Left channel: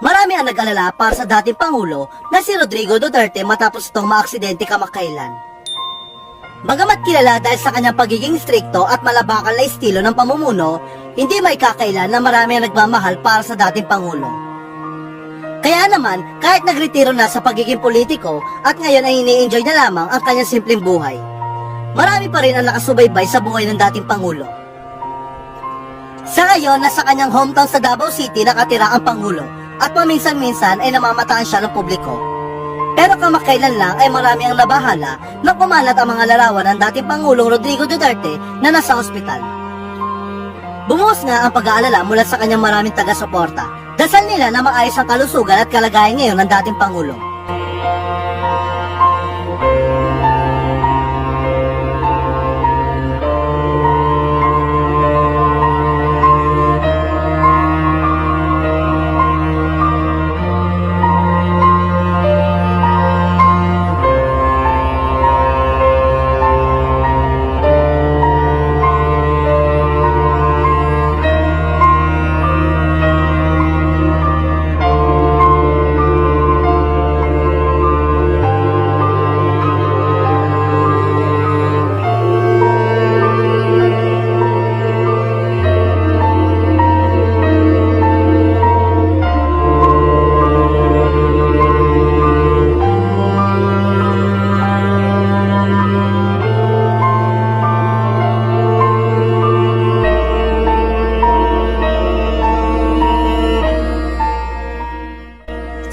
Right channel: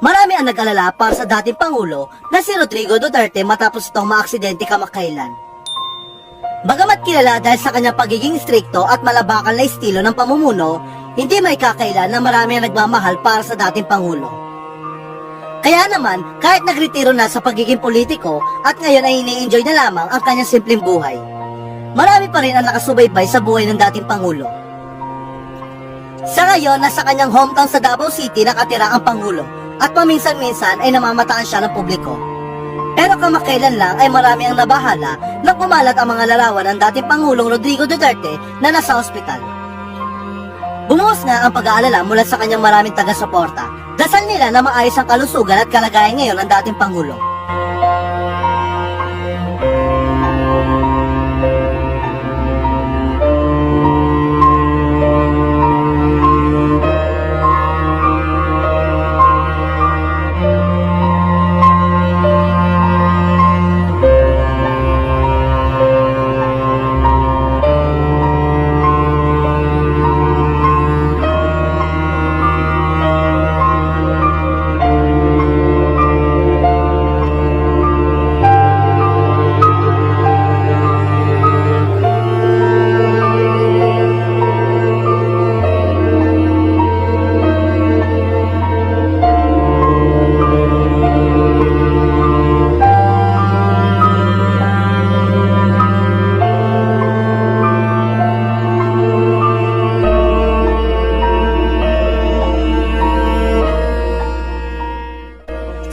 Marami ang nag-alala para sa dating Pangulo na si Rodrigo Duterte matapos itong maaksidente kamakailan. Bagamat kilala dahil sa kanyang pagiging strikto at malabakal na estilo ng pamumuno, hindi may kakailan na marami ang nagmamahal para sa dating Pangulo. Kaya naman, kahit nagretiro na sa pagiging politiko at ngayon ay ini-enjoy na lamang ang kanyang simpleng buhay, marami pa rin ang nakasubaybay sa buhay ng dating Pangulo. Sa ngayon, nasa kanyang hometown sa Davao City nakatira ang Pangulo at paminsan-minsan ay namamataan siya ng publiko. Pero kamakailan lang ay marami ang nabahala nang kumalat ang mga larawan ng dating Pangulong Rodrigo Duterte na nasa ospital. Bumuhos nga ang pag-aalala mula sa kanyang maraming taga-suporta. Dasal nila na maayos ang kalusugan at kalagayan ngayon ng dating Pangulo.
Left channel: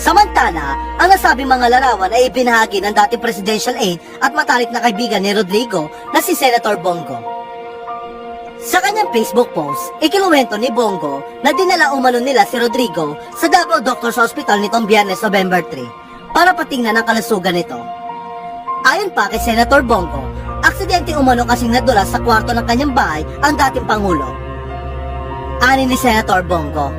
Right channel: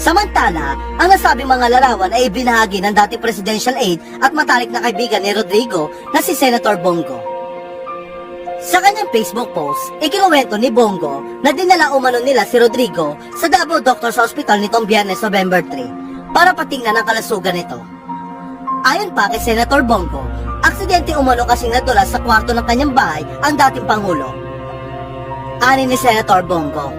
Samantala, ang nasabing mga larawan ay ibinahagi ng dating presidential aide at matalik na kaibigan ni Rodrigo na si Senator Bongo. Sa kanyang Facebook post, ikinuwento ni Bongo na dinala umano nila si Rodrigo sa Davao Doctors Hospital nitong Biyernes, November 3 para patingnan ang kalusugan nito. Ayon pa kay Senator Bongo, aksidente umano kasing nadulas sa kwarto ng kanyang bahay ang dating Pangulo. Ani ni Senator Bongo,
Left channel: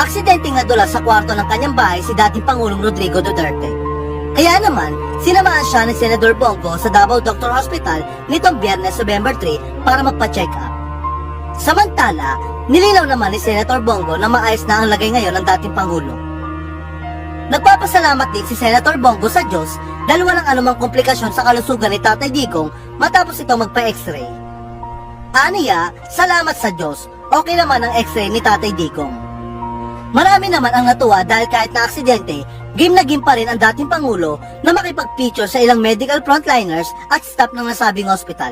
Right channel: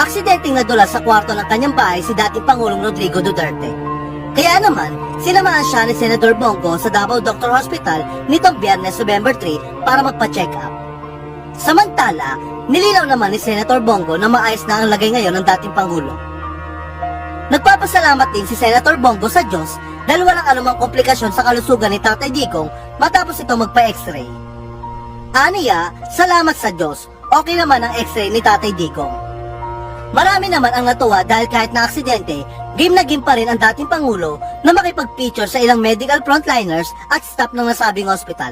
aksidenteng nadulas sa kwarto ng kanyang bahay si dating Pangulong Rodrigo Duterte. Kaya naman, sinamahan siya ni Senator Bongo sa Davao Doctor Hospital nitong Biyernes, November 3 para magpa-check up. Samantala, nilinaw naman ni Senator Bongo na maayos na ang lagay ngayon ng dating Pangulo. Nagpapasalamat din si Senator Bongo sa Diyos dahil walang anumang komplikasyon sa kalusugan ni Tatay Digong matapos ito magpa-x-ray. Aniya, salamat sa Diyos, okay naman ang x-ray ni Tatay Digong. Marami naman ang natuwa dahil kahit na aksidente, game na game pa rin ang dating Pangulo na makipag-feature sa ilang medical frontliners at staff ng nasabing ospital.